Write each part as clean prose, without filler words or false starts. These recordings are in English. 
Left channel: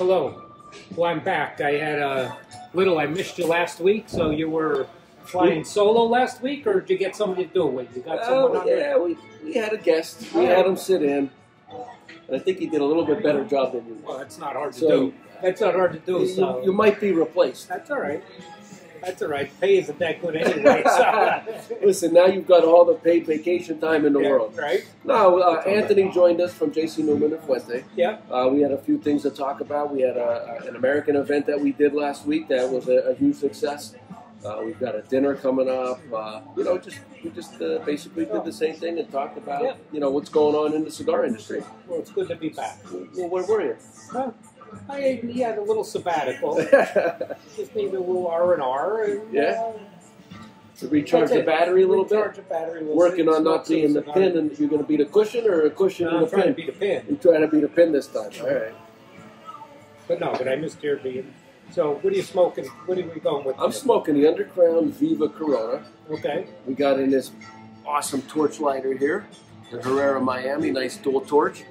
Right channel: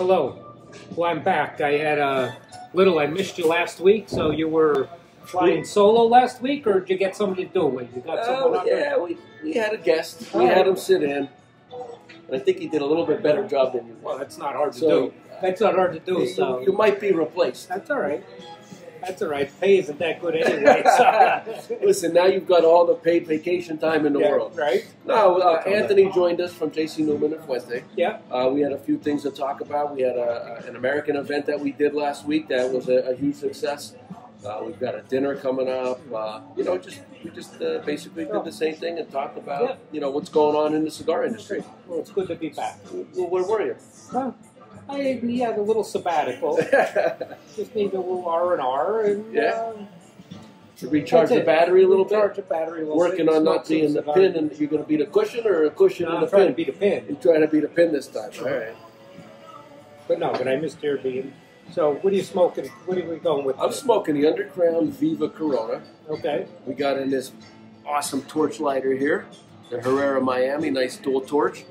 Hello. Well, I'm back. I missed you last week, so you were flying solo last week, or did you get somebody to do it with? You got someone on Yeah, we had a guest. We had him sit in, and I think he did a little bit better job than you did. Well, that's not hard to do. That's not hard to do, so... You might be replaced. That's all right. That's all right. Pay isn't that good anyway. So. Listen, now you've got all the paid vacation time in the world. Right. No, Anthony joined us from J.C. Newman and Fuente. Yeah. We had a few things to talk about. We had an American event that we did last week that was a huge success. We've got a dinner coming up. We just basically did the same thing and talked about what's going on in the cigar industry. Well, it's good to be back. Well, where were you? Well, I had a little sabbatical. Just need a little R&R. And, to recharge the battery a little bit? Recharge the battery a little Working bit. on not being the pin, and you're going to be the cushion or a cushion and a pin? I'm trying to be the pin. You're trying to be the pin this time. All right. But I missed your being. So, what are you smoking? What are we going with? I'm smoking the Undercrown Viva Corona. Okay. We got in this awesome torch lighter here in Herrera, Miami. Nice dual torch.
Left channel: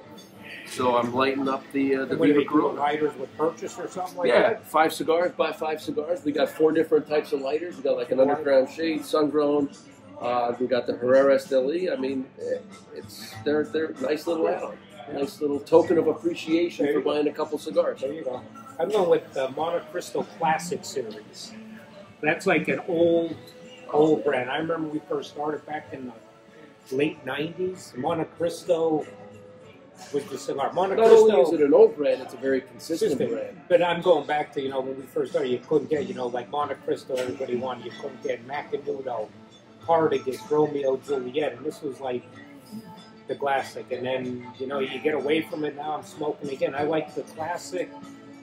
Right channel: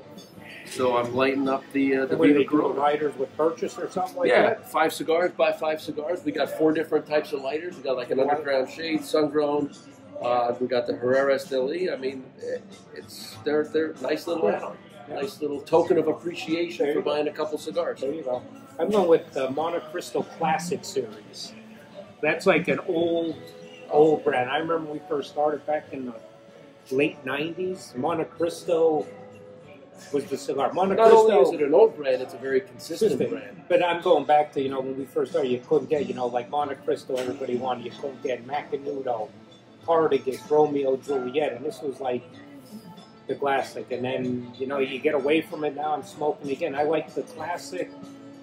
So I'm lighting up the Viva Corona. Lighters with purchase or something like that? Yeah, 5 cigars, buy 5 cigars. We got 4 different types of lighters. We got like an Undercrown Shade, Sun-Grown. We got the Herrera SLE. I mean, they're nice little add-on. Nice little token of appreciation for buying a couple cigars. There you go. I'm going with the Montecristo Classic series. That's like an old brand. I remember we first started back in the late 90s. Montecristo was the cigar. Not only is it an old brand, it's a very consistent brand. But I'm going back to, when we first started, you couldn't get, like Montecristo, everybody wanted. You couldn't get Macanudo, Hardigus, Romeo, Juliet. And this was like the classic. And then, you get away from it now. I'm smoking again. I like the classic.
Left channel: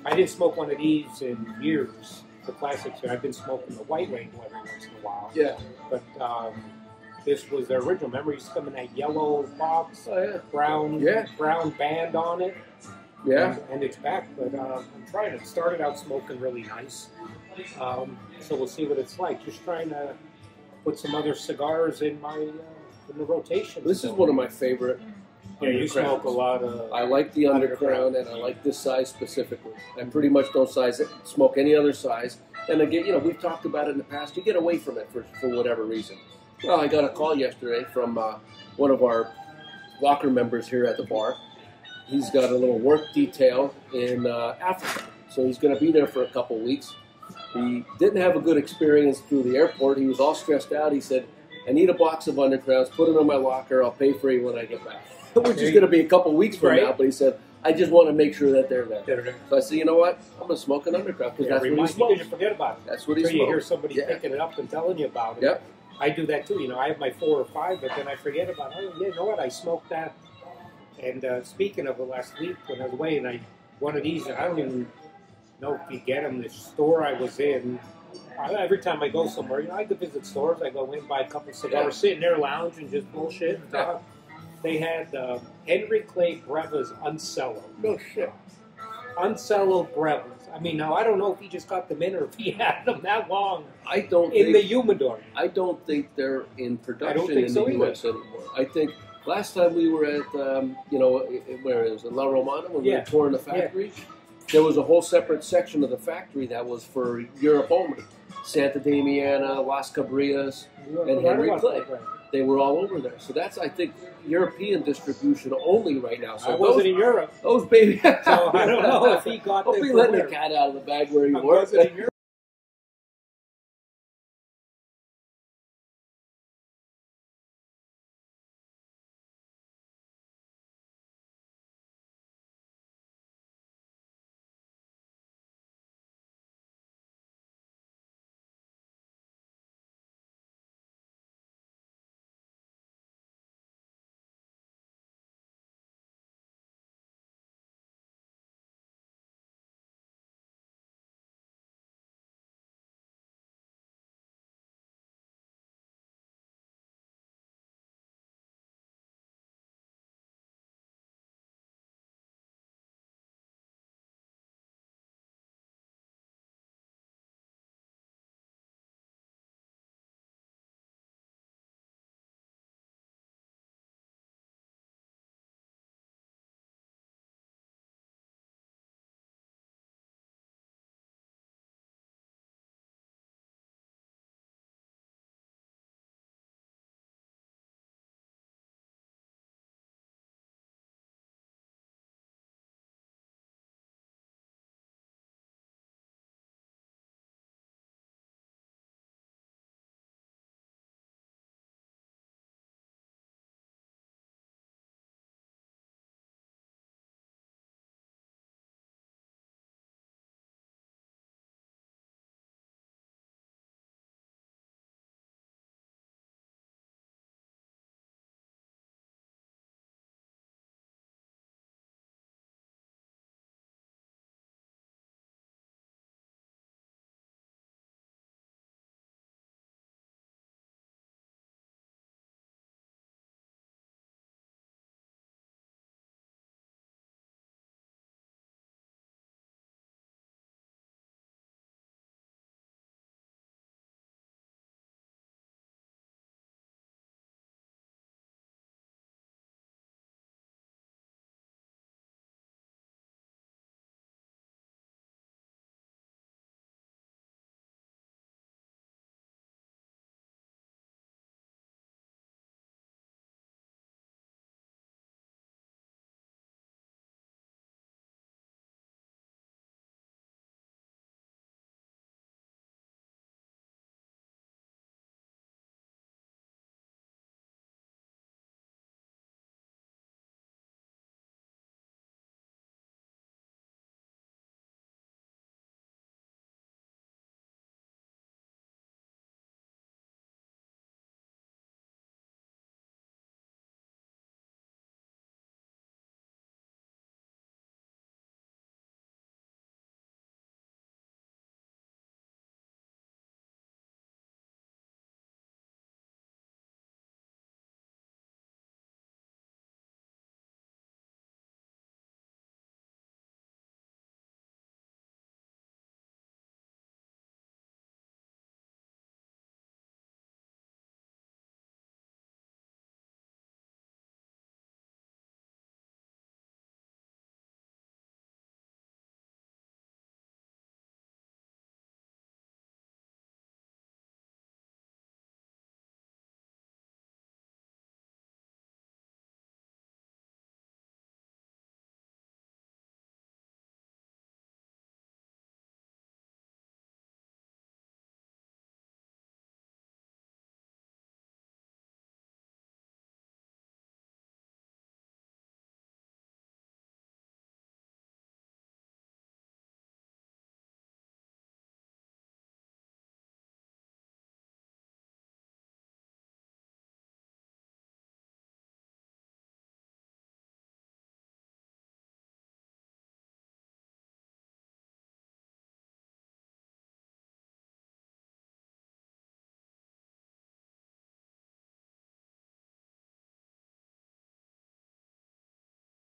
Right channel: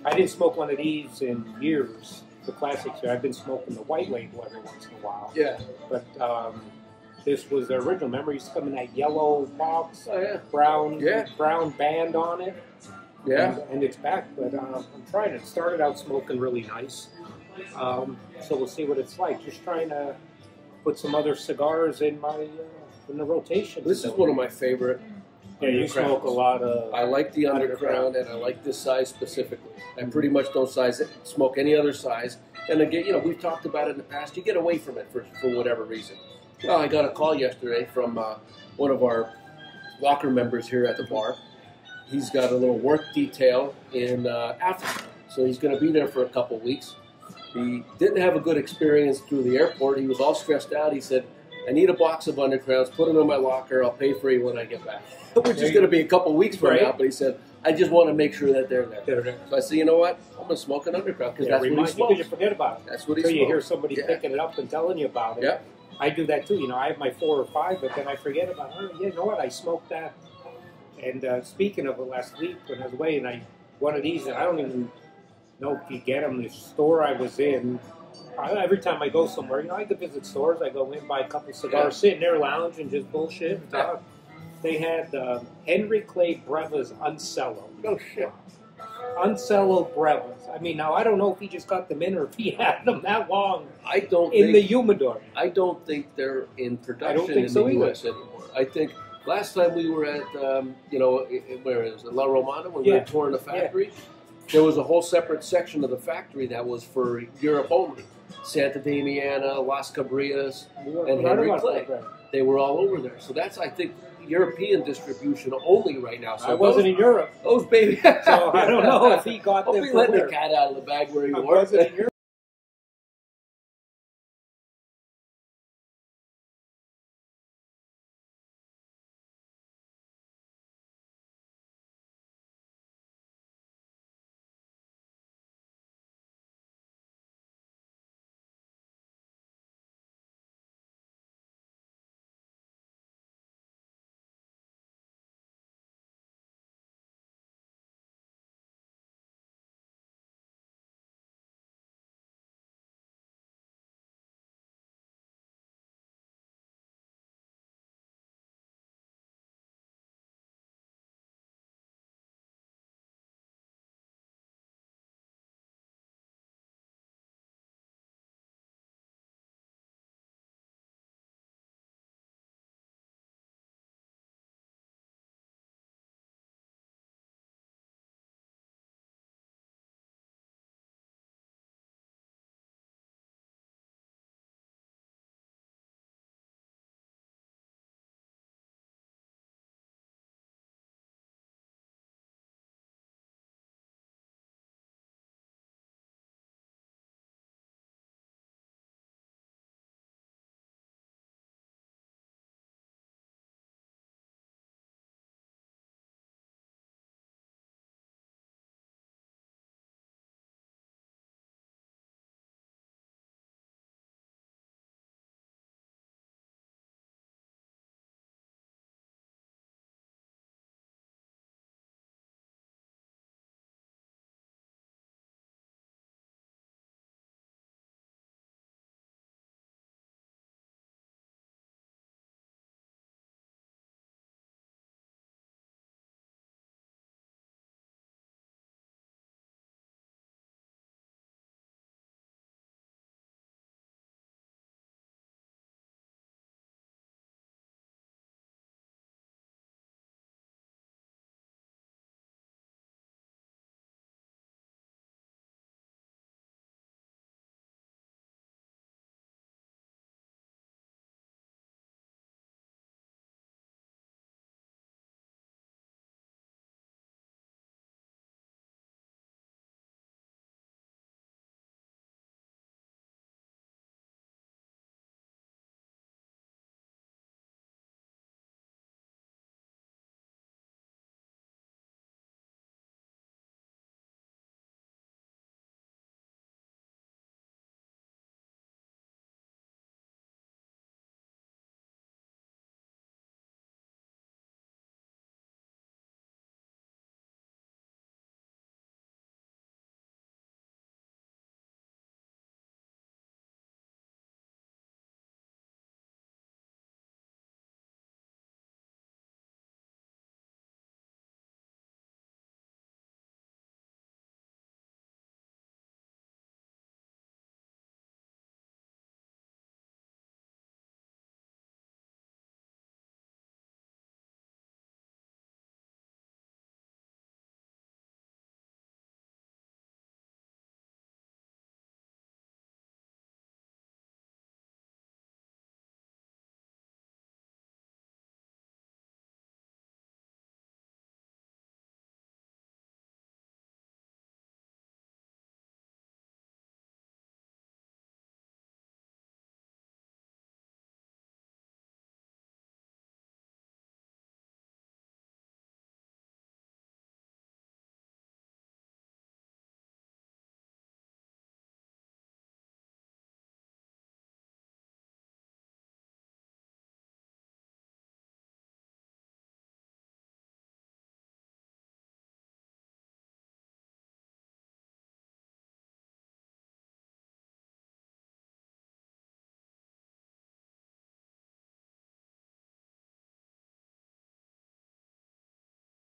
I didn't smoke one of these in years, the classics here. I've been smoking the white label every once in a while. Yeah. But this was the original. Remember, it used to come in that yellow box, brown band on it. Yeah. And it's back, but I'm trying it. Started out smoking really nice. So we'll see what it's like. Just trying to put some other cigars in my in the rotation. This is one of my favorite. Yeah, you smoke a lot of... I like the Undercrown, and I like this size specifically. I pretty much don't smoke any other size. And again, we've talked about it in the past. You get away from it for whatever reason. Well, I got a call yesterday from one of our locker members here at the bar. He's got a little work detail in Africa, so he's going to be there for a couple weeks. He didn't have a good experience through the airport. He was all stressed out. He said, I need a box of Undercrowns, put them in my locker, I'll pay for you when I get back. Which is going to be a couple weeks from now, but he said, I just want to make sure that they're there. So I said, you know what? I'm going to smoke an Undercrown because that's what he smokes. You forget about it. That's what he smokes. You hear somebody picking it up and telling you about it. Yep. I do that too. I have my 4 or 5, but then I forget about it. You know what? I smoked that. And speaking of it, last week when I was away, and one of these, and I don't even know if you get them. The store I was in, every time I go somewhere, I could visit stores. I go in, buy a couple of cigars, sit in their lounge, and just bullshit. They had Henry Clay Brevis Uncello. No shit. Uncello Brevis. I mean, now I don't know if he just got them in or if he had them that long in the humidor. I don't think they're in production in the U.S. anymore. I think last time we were at, where is it, La Romana, when we were touring the factory, there was a whole separate section of the factory that was for Europe only. Santa Damiana, Las Cabrias, and Henry Clay. They were all over there. So that's, I think, European distribution only right now. So I wasn't in Europe. Those baby. So I don't know if he got them. Don't be letting the cat out of the bag where you were.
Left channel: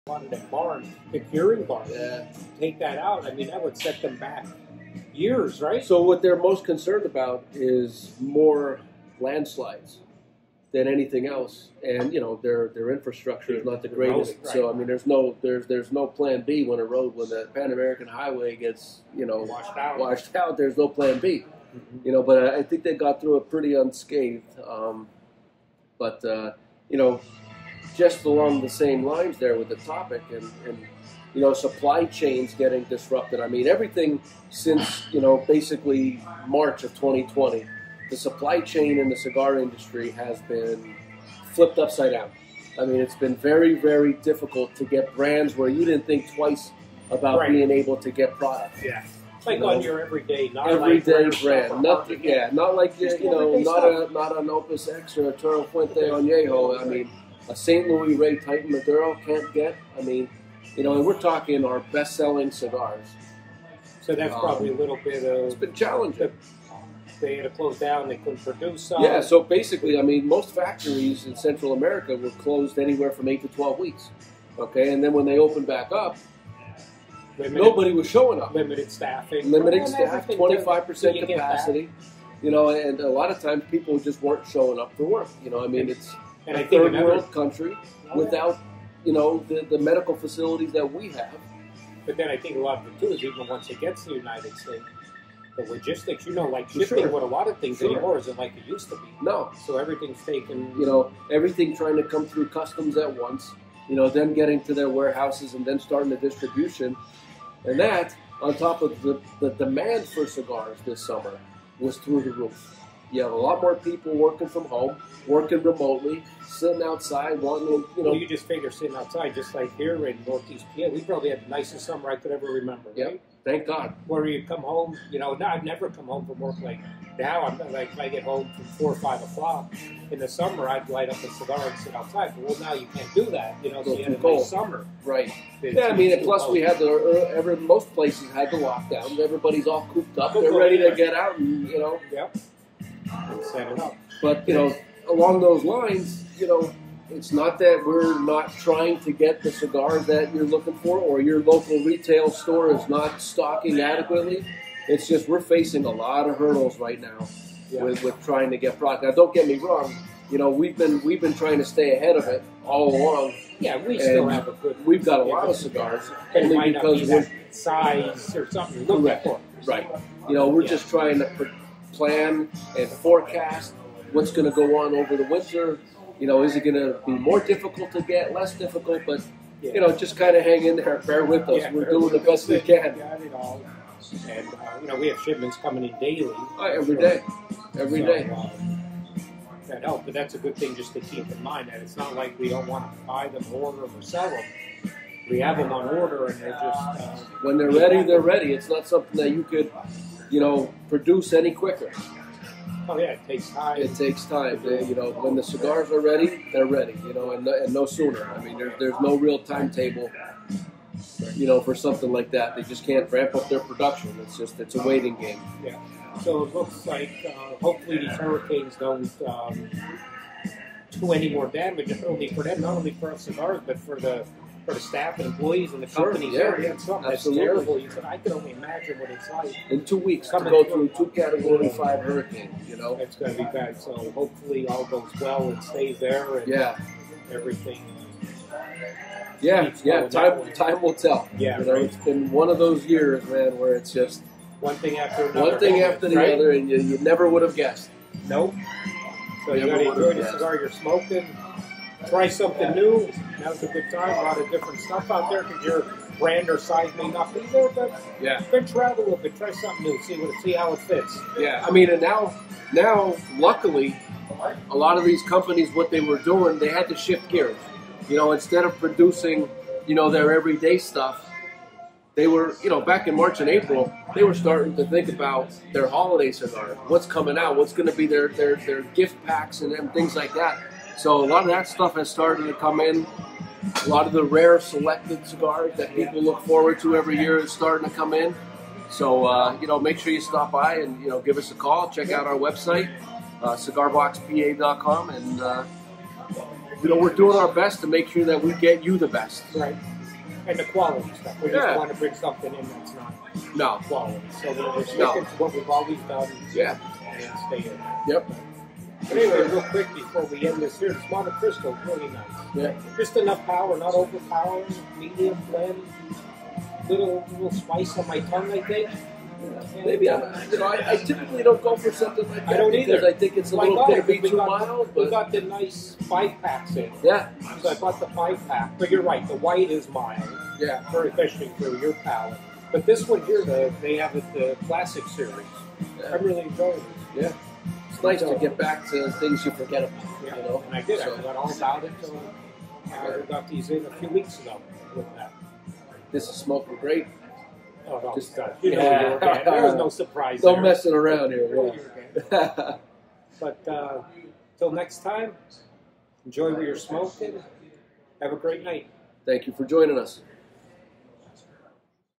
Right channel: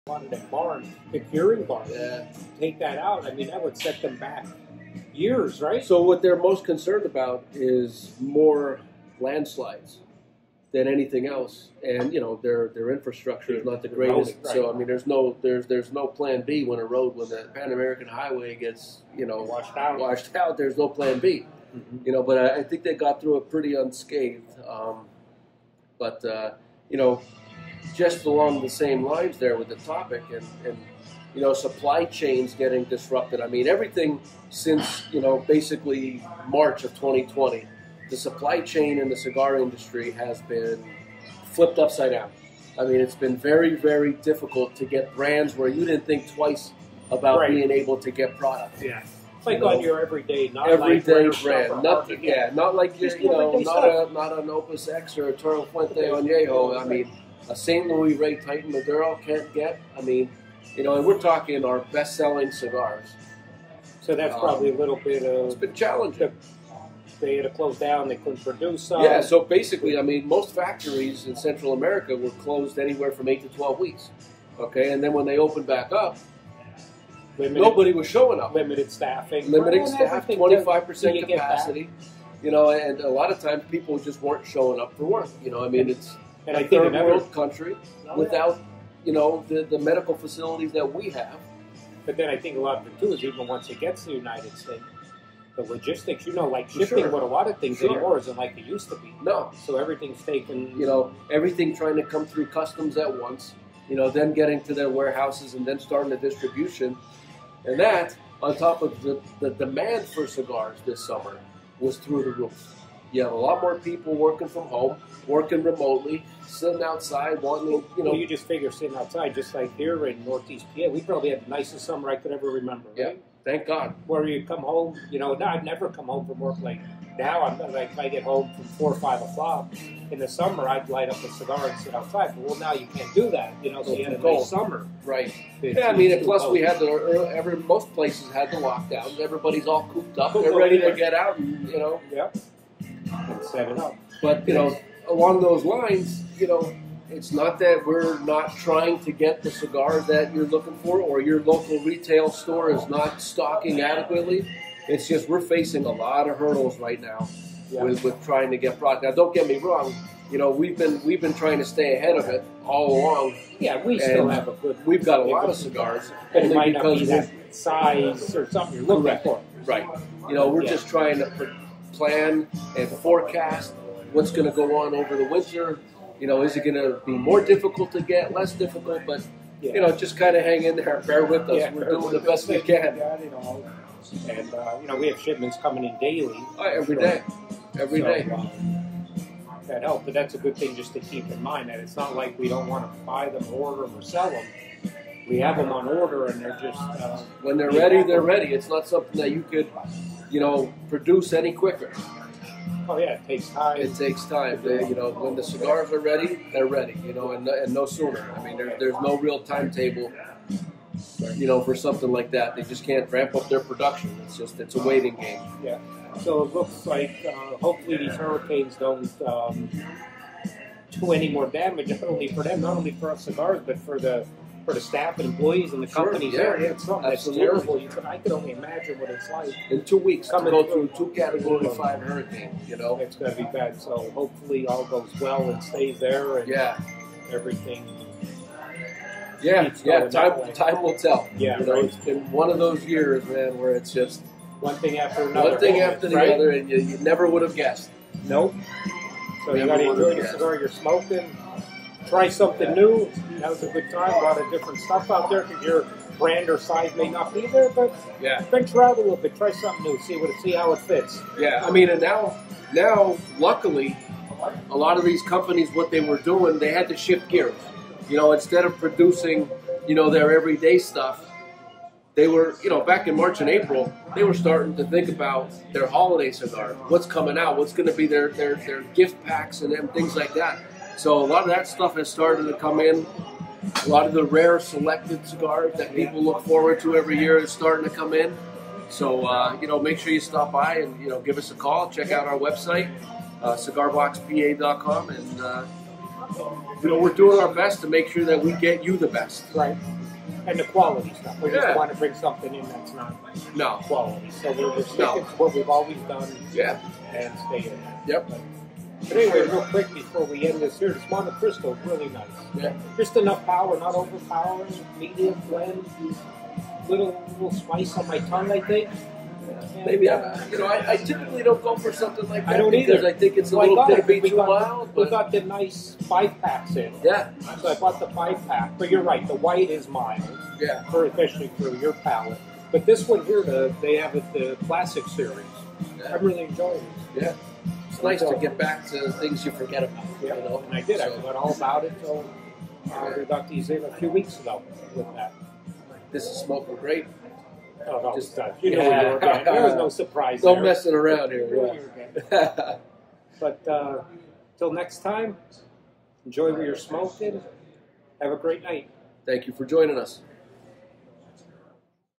a lot of them barns, the curing barns. Yeah. Take that out. I mean, that would set them back years, right? So what they're most concerned about is more landslides than anything else, and their infrastructure is not the greatest. Right. So I mean, there's no plan B when the Pan American Highway gets washed out. There's no plan B. Mm-hmm. But I think they got through it pretty unscathed. But just along the same lines there with the topic and supply chains getting disrupted. I mean, everything since basically March of 2020. The supply chain in the cigar industry has been flipped upside down. I mean, it's been very, very difficult to get brands where you didn't think twice about being able to get product. Yeah, like on your everyday, brand. Not like not an Opus X or a Toro Fuente Añejo. I mean, a St. Louis Ray Titan Maduro can't get. I mean, and we're talking our best-selling cigars. So that's probably a little bit of. It's been challenging. They had to close down. They couldn't produce. Yeah, so basically, I mean, most factories in Central America were closed anywhere from 8 to 12 weeks. Okay, and then when they opened back up, nobody was showing up. Limited staffing. 25% capacity. And a lot of times people just weren't showing up for work. I mean, it's a third world country without, the medical facilities that we have. But then I think a lot of it too is even once it gets to the United States, the logistics, like shipping with a lot of things anymore isn't like it used to be. No. So everything's taken. Everything trying to come through customs at once, then getting to their warehouses and then starting the distribution. And that, on top of the demand for cigars this summer, was through the roof. You have a lot more people working from home, working remotely, sitting outside, wanting to, You just figure sitting outside, just like here in Northeast PA, we probably had the nicest summer I could ever remember, right? Yeah, thank God. Where you come home, I've never come home from work like now. I'm like, if I get home from 4 or 5 o'clock in the summer, I'd light up a cigar and sit outside. But well, now you can't do that, so you had a nice summer. Right. Yeah, I mean, and plus we had most places had the lockdown. Everybody's all cooped up. They're ready to get out and, Yep. And set it up. But, along those lines, it's not that we're not trying to get the cigar that you're looking for or your local retail store is not stocking adequately. It's just we're facing a lot of hurdles right now with trying to get product. Now, don't get me wrong. We've been trying to stay ahead of it all along. Yeah, we still have a good. We've got a lot of cigars, only because of size or something. Correct. Right. We're just trying to plan and forecast what's going to go on over the winter. Is it going to be more difficult to get, less difficult? But, just kind of hang in there, bear with us. We're doing the best we can. And, we have shipments coming in daily. Every day. That helps, but that's a good thing just to keep in mind that it's not like we don't want to buy them, order them, or sell them. We have them on order, and they're just... when they're ready, they're ready. It's not something that you could, produce any quicker. Oh yeah, it takes time. It takes time. When the cigars are ready, they're ready. And no sooner. I mean, there's no real timetable. For something like that, they just can't ramp up their production. It's a waiting game. Yeah. So it looks like hopefully these hurricanes don't do any more damage. Not only for them, not only for our cigars, but for the staff and employees and the companies there. Yeah, it's something that's terrible. I could only imagine what it's like. In 2 weeks, to go through 2 Category 5 hurricanes, It's going to be bad. So hopefully all goes well and stays there and everything. Yeah, time will tell. Yeah, It's been one of those years, man, where it's just one thing after another. One thing after the other, and you never would have guessed. Nope. So you got to enjoy the cigar you're smoking. Try something new. Now's a good time. A lot of different stuff out there because your brand or size may not be there, but venture out a little bit. Try something new. See how it fits. Yeah, I mean, and now, luckily, a lot of these companies, what they were doing, they had to shift gears. Instead of producing, their everyday stuff, they were, back in March and April, they were starting to think about their holiday cigars. What's coming out? What's going to be their gift packs and things like that. So a lot of that stuff has started to come in. A lot of the rare selected cigars that people look forward to every year is starting to come in. So, make sure you stop by and, give us a call. Check out our website, cigarboxpa.com, and we're doing our best to make sure that we get you the best. Right. And the quality stuff. We Yeah. just want to bring something in that's not quality. So we're sticking to what we've always done. Yeah. And stay in that. Yep. But anyway, real quick before we end this here, the Monte Cristo is really nice. Yeah. Just enough power, not overpowering, medium blend, little spice on my tongue, I think. Maybe I typically don't go for something like that. I don't because either. I think it's a Well, little bit of we too got mild. We got the nice 5-packs in. Yeah. So I bought the 5-pack. But you're right, the white is mild. Yeah. Especially for your palate. But this one here, they have it the classic series. Yeah. I'm really enjoying it. Yeah. It's nice to get back to things you forget about. Yeah. You know? And I did. So, I forgot all about it. So we got these in a few weeks ago with that. this is smoking great. Oh, no, Just- you know where you were going. There was no surprise No there. messing around here. You knew where you were going. But till next time, enjoy what you're smoking. Have a great night. Thank you for joining us.